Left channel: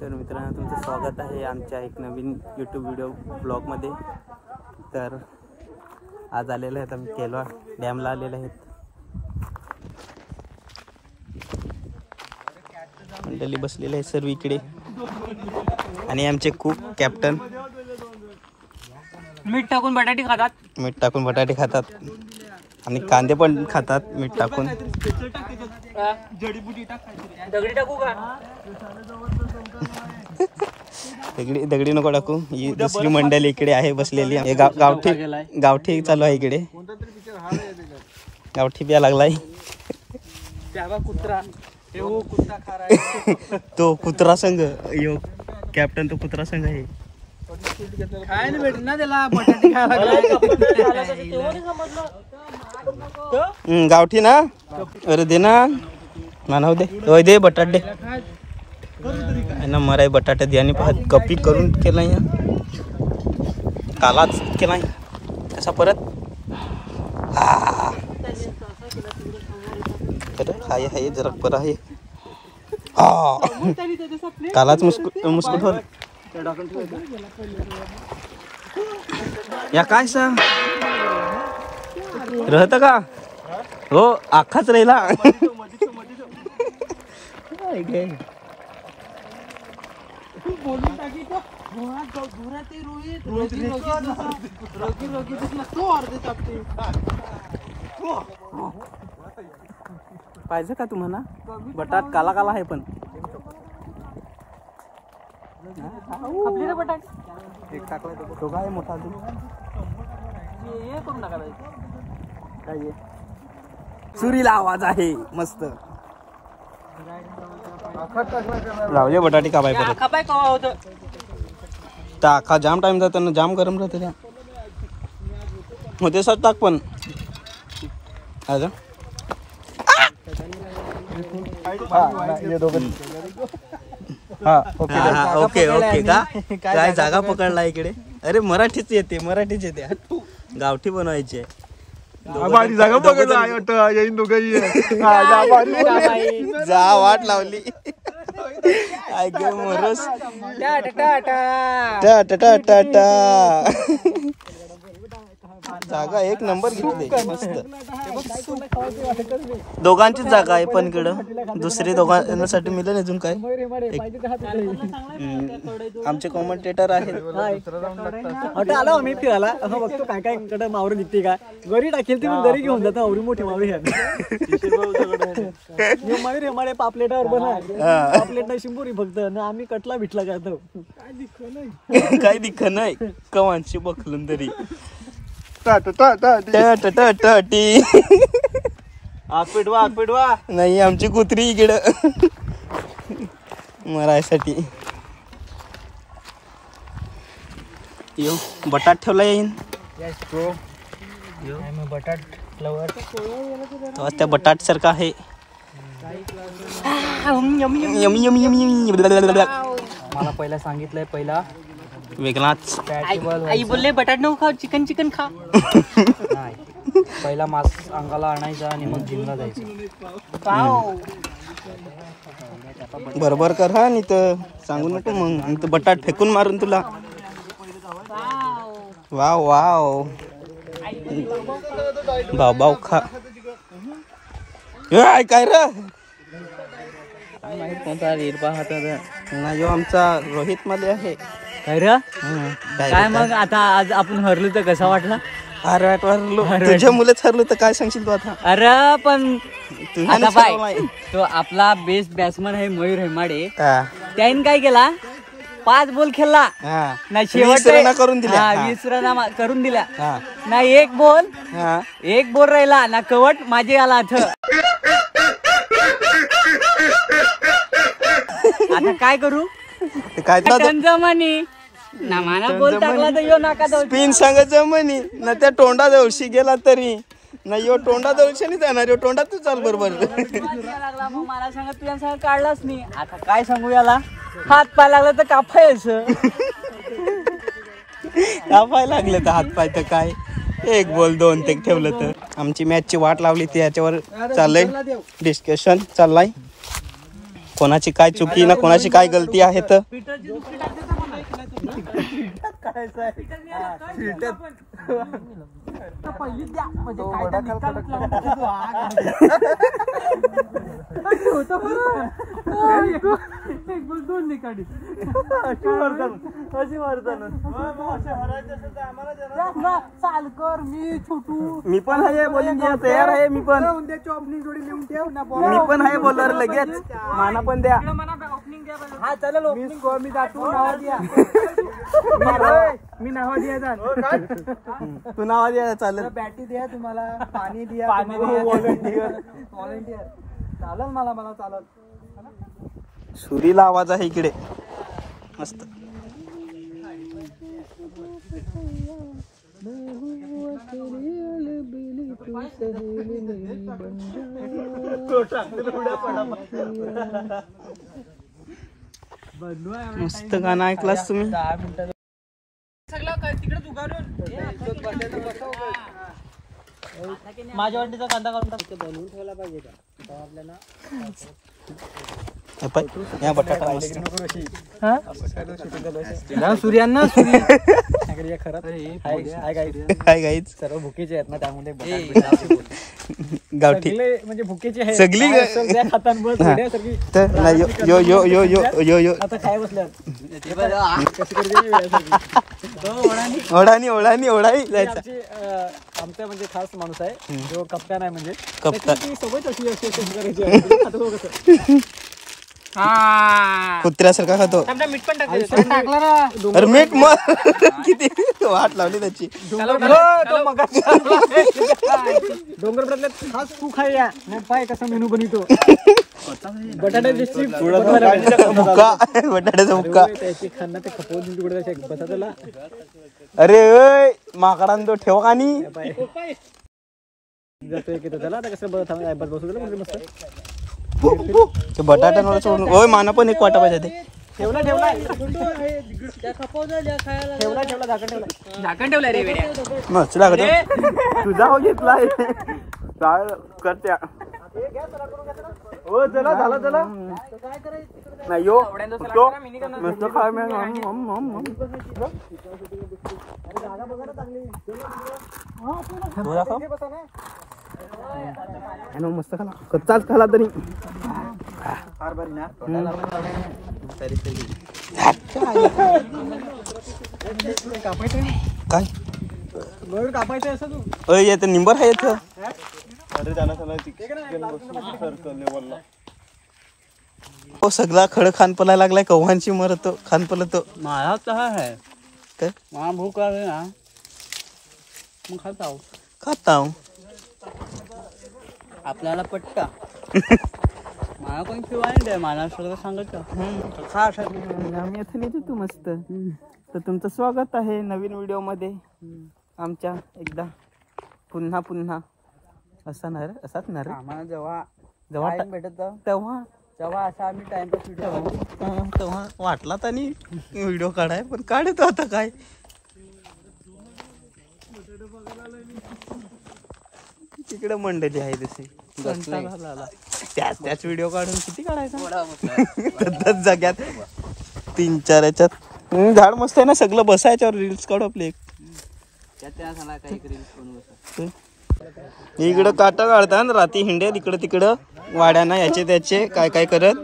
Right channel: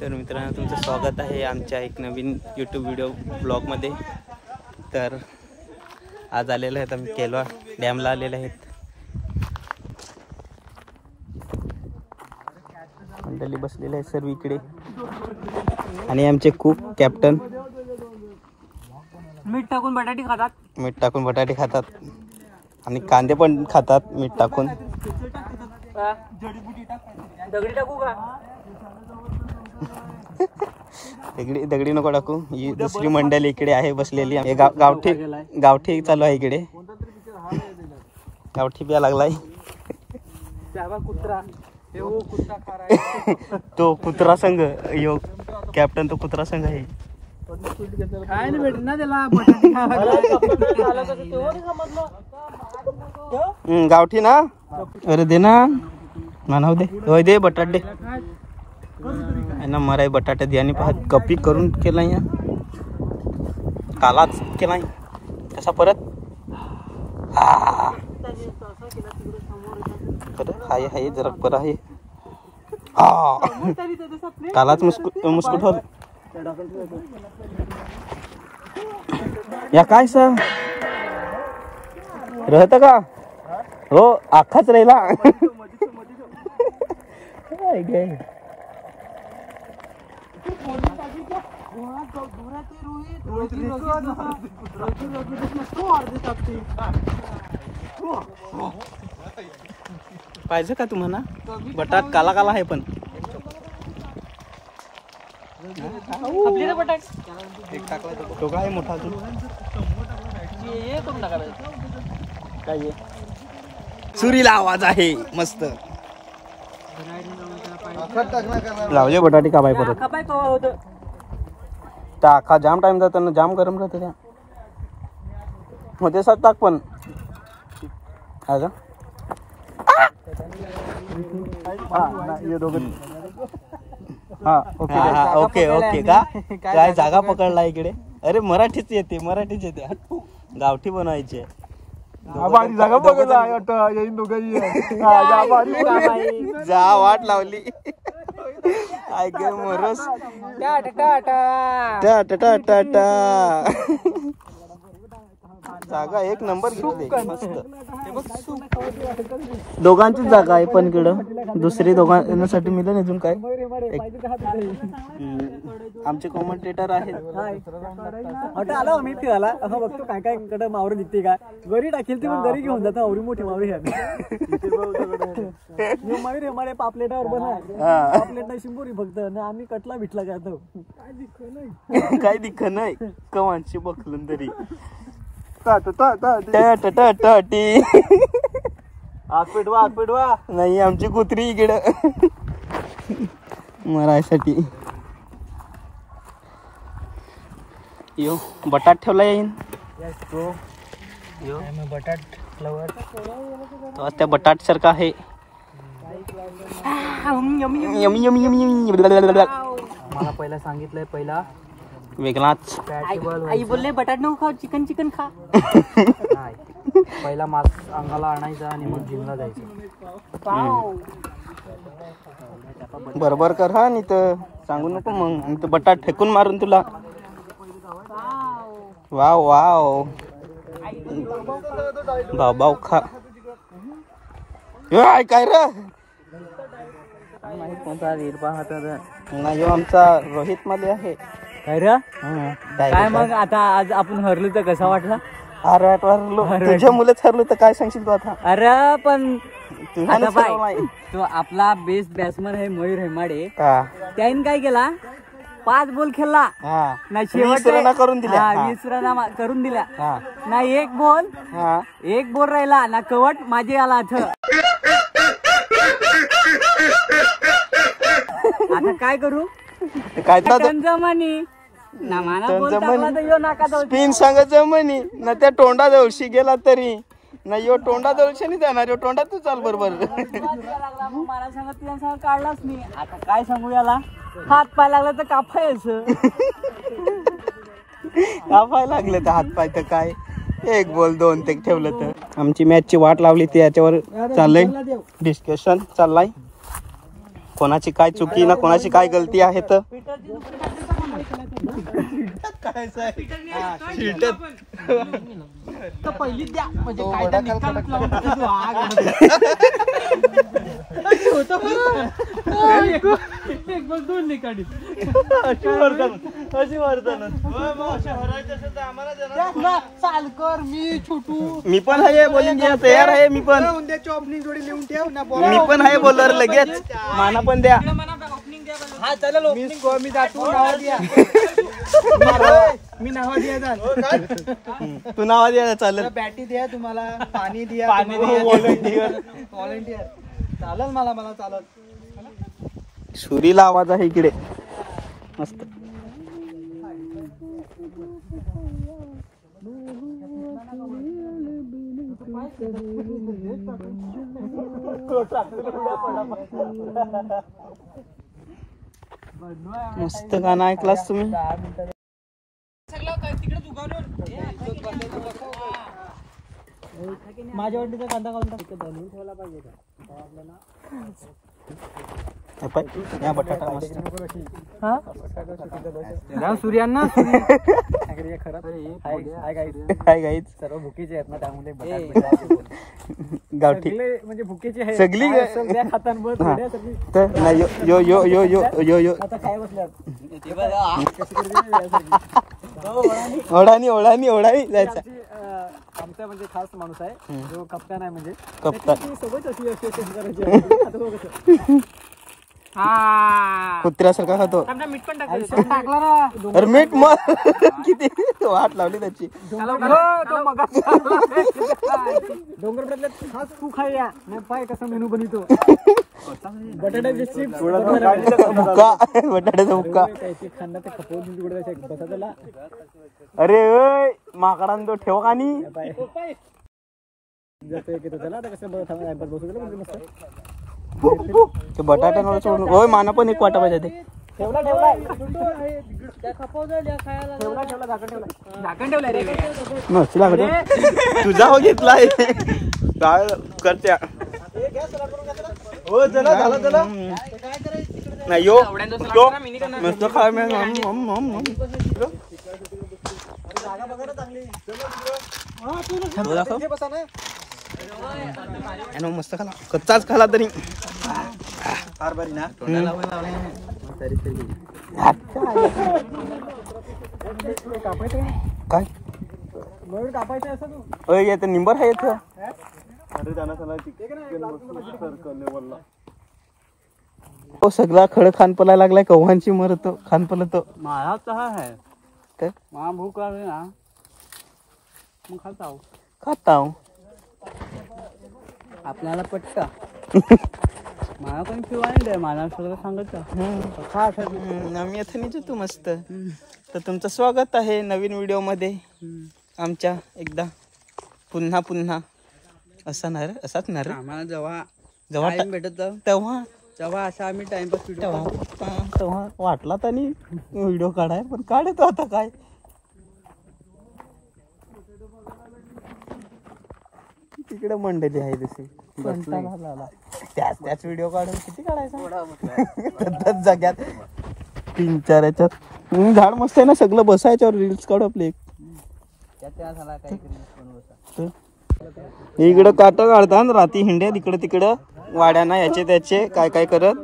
तर मित्रांनो तुमचं स्वागत आहे आमच्या एक नवीन यूट्यूब व्हिडिओ ब्लॉगमध्ये। तर आज आलेले आहेत आम्ही केलवा डॅमला आलेले आहेत। मंडळी बसलेले आहे सर्व इकडे आणि आमचे कुक कॅप्टन मीठ टाकून बटाटे खातात आणि कांदे पण खातात मीठ टाकून। दगडी टाकू का? दगडी नको टाकू। ही दुसरी मंडळी इकडे आहे बसलेली। गावठी चालू आहे इकडे। गावठी बिया लागलाय तो कुत्रा संघ यो कॅप्टन तो कुत्रा संघ आहे। खायला भेटेल ना त्याला बटाटे खायला। गावठी ना अरे दे ना मानव दे दे बटाटे ना मराय बटाटे दे आणि कपी करून केला या कालाच केला कसा परत हाय हाय जरा पर आहे कालाच मुस्कुट होत या काय सा रहत का हो आखाच राहिला। पाहिजे का तुम्हाला बटाट काला काला आहे पण तो काय मोठा काय सुरीला आवाज आहे मस्त लावले बटाटे का बाय परत टाका जाम टाइम जातो ना जाम गरम राहते त्या मध्ये सर टाक पण ओके ओके का काय जागा पकडला इकडे। अरे मराठीच येते गावठी बनवायची आहे। जागा पकडला जा वाट लावली मरस जागा एक नंबर घेतली मस्त। दोघांचीच जागा आहे पण इकडं दुसरी दोघांसाठी मिळेल अजून काय। आमचे कॉमेंटेटर आहेत आलो आम्ही फिरायला बघतो काय काय कडे मावरी निघते का गरी टाकेल ती गरी घेऊन जातो आवरी मोठी मावरी मावरी हमारे पापलेटावर बना पापलेट शिंबोरी फक्त ना आम्ही कटला बिटला करतो काय दिख नाही कवांशी बखलून तरी पिडवा नाही आमची कुत्री इकडं मरायसाठी यो बटाट ठेवला येईन बटाट फ्लवर त्या बटाट सारखा आहे मला पहिला सांगितलंय पहिला वेगळाच आई बोलले बटाट नको खा चिकन खा पहिला मांस अंगाला आणायचा आणि मग जिमला जायचं। बरोबर कर हा नाही तर सांगू नको मग बटाट फेकून मारून तुला। वाव वाव भाव भाव खा काय रे माहित कोणता हिरवा हात नाही आमचा रोहित मध्ये आहे काय रे काय मग आता आज आपण हरलो तर कसा वाटला? अरे हरलो तुझ्या मुलेच हरलो तर काय सांगशील तू आता? अरे पण तुझ्या तो आपला बेस्ट बॅट्समन आहे मयूर हेमाडे त्याने काय केला 5 बॉल खेळला ना शेवट करून दिल्या 20 रन करून दिल्या ना एक बॉल राहिला ना कवट माझे आला आता काय करू काय जमानी ना मला बोल टाकला तर यो नाका स्पिन सांग जमनी ना त्या तोंडा जवळशी गेला तरी ना यो तोंडा जवळशी नाही जाणार यो तोंडा तू चाल बरोबर लागला मग मला सांगत तुझ्या सांग काढलाच नाही। आता काय सांगू याला हात पाय लागला तर कापायचं कापाय लागले तर हात पाय तर काय 1 बॉल 2 ते ठेवलं तर। आमची मॅचची वाट लावली ती याच्यावर चाललंय डिस्कशन चाललाय कोणाची काय चुकी ना कोणाची काय गलती आहे तर पहिली द्या म्हणजे काय तर निकाल एक बस दोन निकाली अशी वर्तन सालकर मी छोटू मी पण आहे बॉलिंग तयार आहे मी पण उद्याची ओपनिंग जोडी लिहून ठेव ना मी पण आहे बॉलर लगेच माना पण द्या हा चालेल मी जातो नाव द्या मी नाव द्या तू नाव द्या चालेल बॅटी द्या तुम्हाला पाणी द्या व्हॉलंटियर चालेल मला चालत सुरीला आवाज आहे इकडे मस्त मस्त गाणं ऐकलास तुम्ही माझ्या वाटीचा कांदा काढून टाकतो बनवून ठेवला पाहिजे का आपल्याला या बटाटा मस्त सूर्यांना काय गाईच सर्व भुकेचे आहेत ना त्यामुळे गावठी म्हणजे भुकेचे आहे सगळी तर नाही यो यो यो यो यो यो आता काय बसल्यात ओढानी ओढानी ओढानी जायचा आमचा म्हणजे खास माणूस आहे जो कप्तान आहे म्हणजे कप्तान सोबत अशी करायची कुत्र्यासारखा खातो मीठ पण टाकला ना अरे मीठ मग किती वाट लावली त्याची डोंगर बदलत खास तू खाया मग पाय कसा मेनू बनवतो बटाटा बुक्का बटाट्याचा बुक्का त्याची खाना ते खपवून तिकडे बसा त्याला अरे माकडान तो ठेव का नाही जातोय की त्याला आता कसं बसू दिलं म्हणजे मस्त ते बटाट्यांवर सोडून ओय माना पण एक वाटा पाहिजे ते ठेवला झाकण ठेवला रे मस्त लागत तुझा हो घेतलाय काय करत्या हो चला झाला नाही यो मस्त खा मस्त खाला कच्चाच खाला तरी काय कापायचं असं तू येत निंबर आहे इथं सगळा खड खान पलायला लागलाय कव्हांची मरत खान पलत मला तसा आहे काय मला भूक लागली ना मग खाता आपल्याला पटका मला कोणी पिवा मला सगळं सांगत आम्ही आता नाही तू मस्त तर तुमचं स्वागत आहे नवीन व्हिडिओ मध्ये आमच्या एकदा पुन्हा पुन्हा असा नाही रे असाच नाही रे आम्हाला जेव्हा जेव्हा भेटत तेव्हा असा आम्ही टाइमपास तेव्हा वाटला तरी व्हिडिओ काढाय पण काढतो आता काय तिकडे मंडळी आहे तशी त्याच व्हिडिओ काढून किती काढायचा जाग्यात 3-4 याच्यात झाड मस्त आहे ना सगळं बसायच्यावर रील्स काढू आपले इकडं काट काढतात राती हिंड्यात इकडं तिकडं वाड्याना याचे त्याचे काय काय करत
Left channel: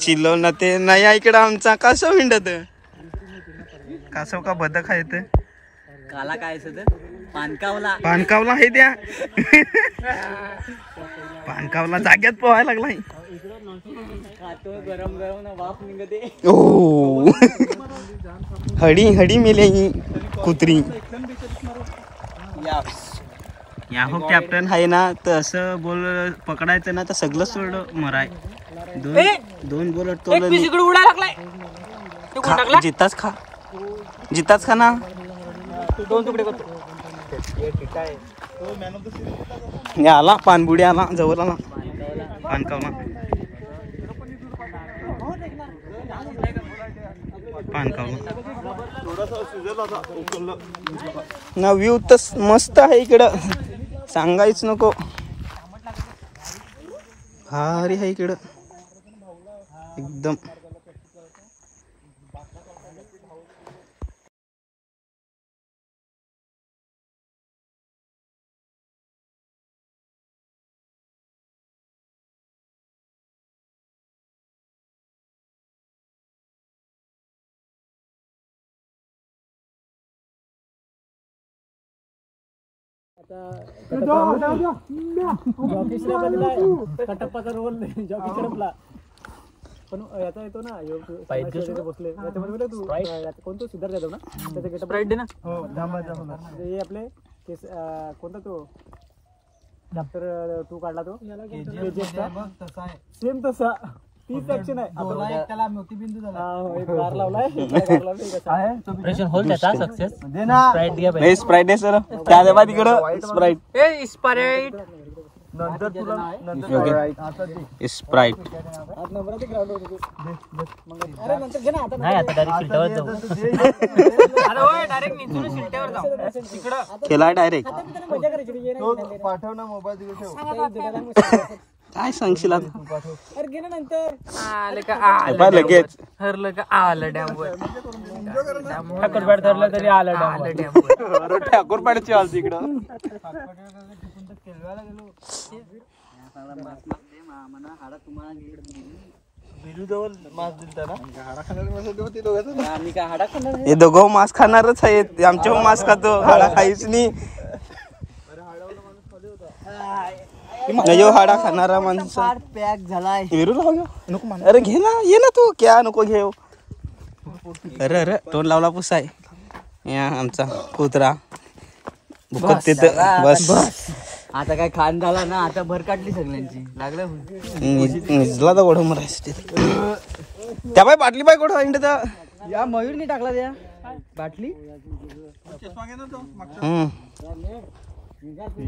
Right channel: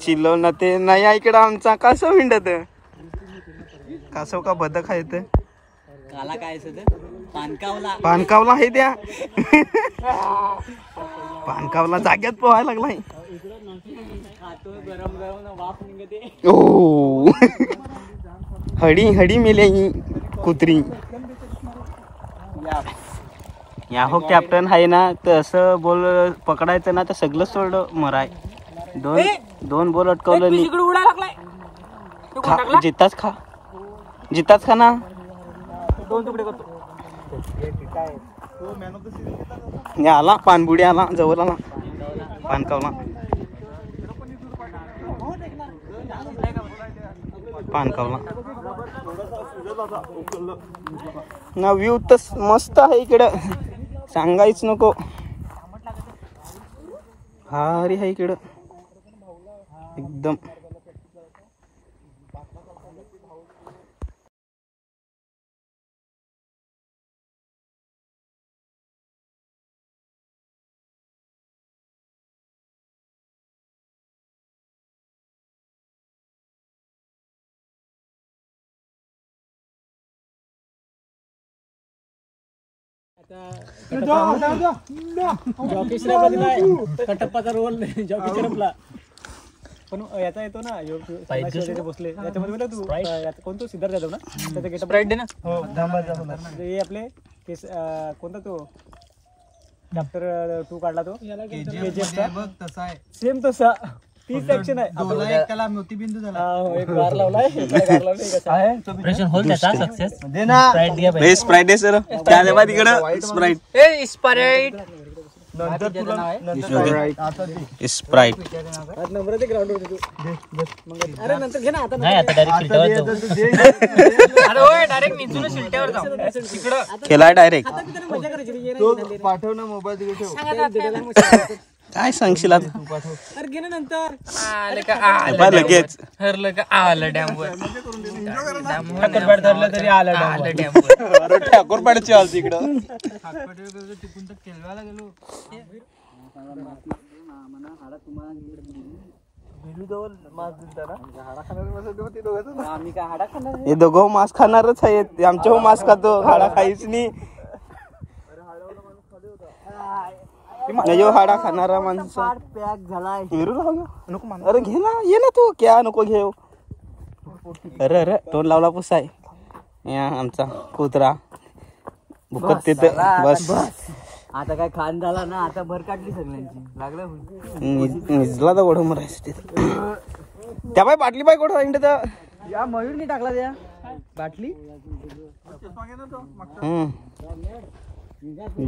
चिल्लो ना ते नाही इकडं आमचा कासव हिंडत कासव का बदक आहे ते काला काय पानकावला आहे त्या पानकावला जाग्यात पोहायला लागलाय गरम गरम वाफ निघते ओ हडी हडी मेले ही कुत्री या हो कॅप्टन आहे ना तर असं बॉल पकडायचं ना तर सगळं सोडलं मराय दोन बॉल अटकवलं जिताच खा ना आला पानबुडी आला जवळ आला पानकावला ना व्ह्यू तर मस्त आहे इकडं सांगायच नको भारी आहे इकडं एकदम जॉकी श्रॉफला दिलाय कटप्पाचा रोल जॉकी श्रॉफला पण याचा येतो ना बसले याच्यामध्ये बोला तू कोणतो सिद्धार्थ जाधव ना त्याचा गेटअप राईट दे ना हे आपले कोणता तो चॅप्टर 2 काढला तो सेम तसा 30 ऍक्शन आहे त्याला मोतीबिंदू झाला एक बार लावलाय ऑपरेशन होल त्याचा सक्सेस दे ना स्प्राइट दिया भाई स्प्राइट आहे सर क्या दे बा तिकडं स्प्राइट ए स्प्राइट स्प्राइट नंबर ते ग्राउंड वर तू अरे नंतर घे ना आता नाही आता डायरेक्ट शिल्ट्यावर जाऊ अरे ओय डायरेक्ट निचून शिल्ट्यावर जाऊ तिकडं खेळा डायरेक्ट आता मी मजा करायची पाठव ना मोबाईल तिकडे ठेव काय सांगशील आता अरे घे ना नंतर लगेच हरलं का आलं डॅम वर ठाकूरपाड धरलं तरी आलं डॅम अरे ठाकूरपाडची आल तिकडं हे दोघं मांस खाणारच आहेत आमच्या मांस खातो हाडा खाईच नाही हाडा खाणारा माणसं पॅक झालाय अरे घे ना ये ना तू क्या नको घेऊ अरे अरे तोंड लावला पुसाय या आमचा कुत्रा भुकत तिथं बस आता काय खान झाला ना आता भर काढली सगळ्यांची लागलं निजला तर गोडो मरायचं तिथं त्या बाय बाटली बाय गोडो इंड तर या मयूरनी टाकला त्या बाटली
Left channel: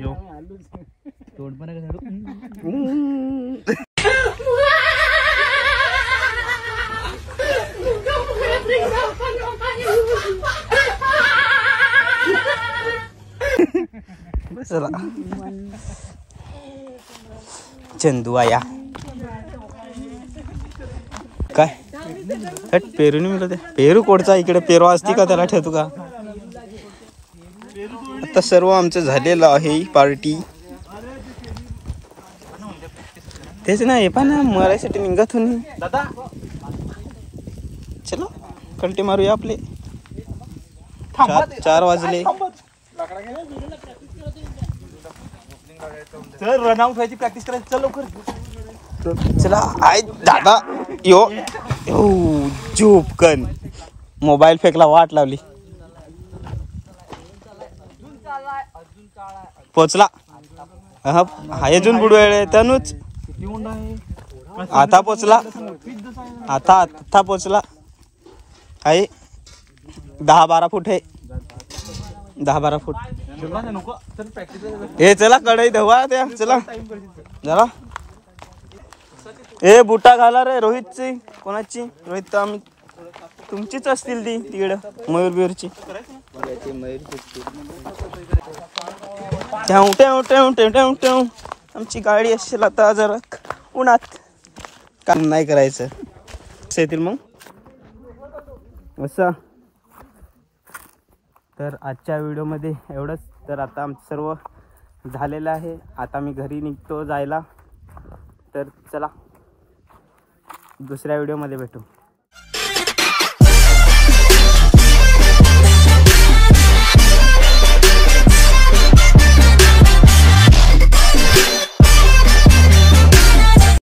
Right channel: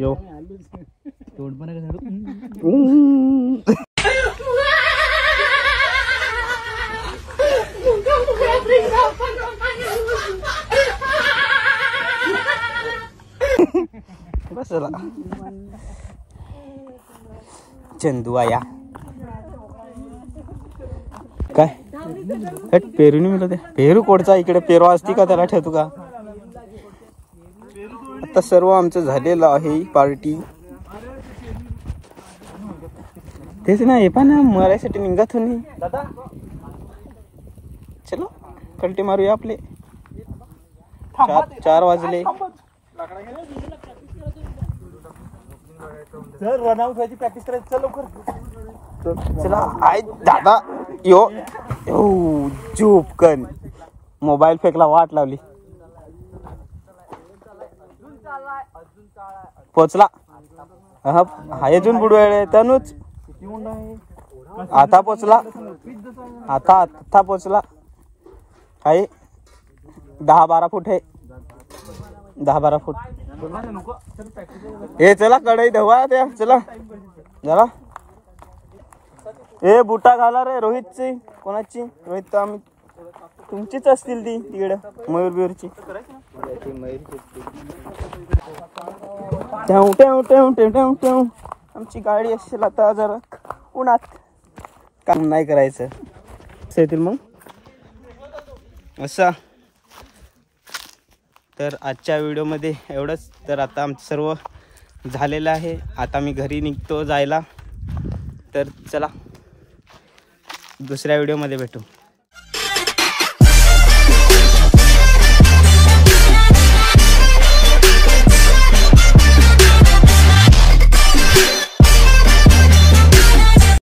यो तोड पण बसला चंदू आया काय पेरू नाही मिळत पेरू कोडचा इकडे पेरू असती का त्याला ठेवतो का आता सर्व आमचं झालेलं आहे पार्टी तेच ना हे पण मरायसाठी निघत होती दादा चलो कल्टी मारूया आपले 4 वाजले चल रन आउट व्हायची प्रॅक्टिस करायची चल लवकर चला आय दादा यो झोपकन मोबाईल फेकला वाट लावली पोचला हाय अजून बुडवेळ त्यानूच आता पोचला आता पोचला आहे 10-12 फूट आहे 10-12 फूट हे चला कढई धवा त्या चला जरा ए बुटा घाला रे रोहितची कोणाची रोहित तर आम्ही तुमचीच असतील ती तिकडं मयूर बियूरची आमची गाडी असेल आता जरा उन्हात काम नाही करायचं येतील मग असं तर आजच्या व्हिडिओमध्ये एवढंच तर आता आमचं सर्व झालेलं आहे आता मी घरी निघतो जायला तर चला दुसऱ्या व्हिडिओमध्ये भेटू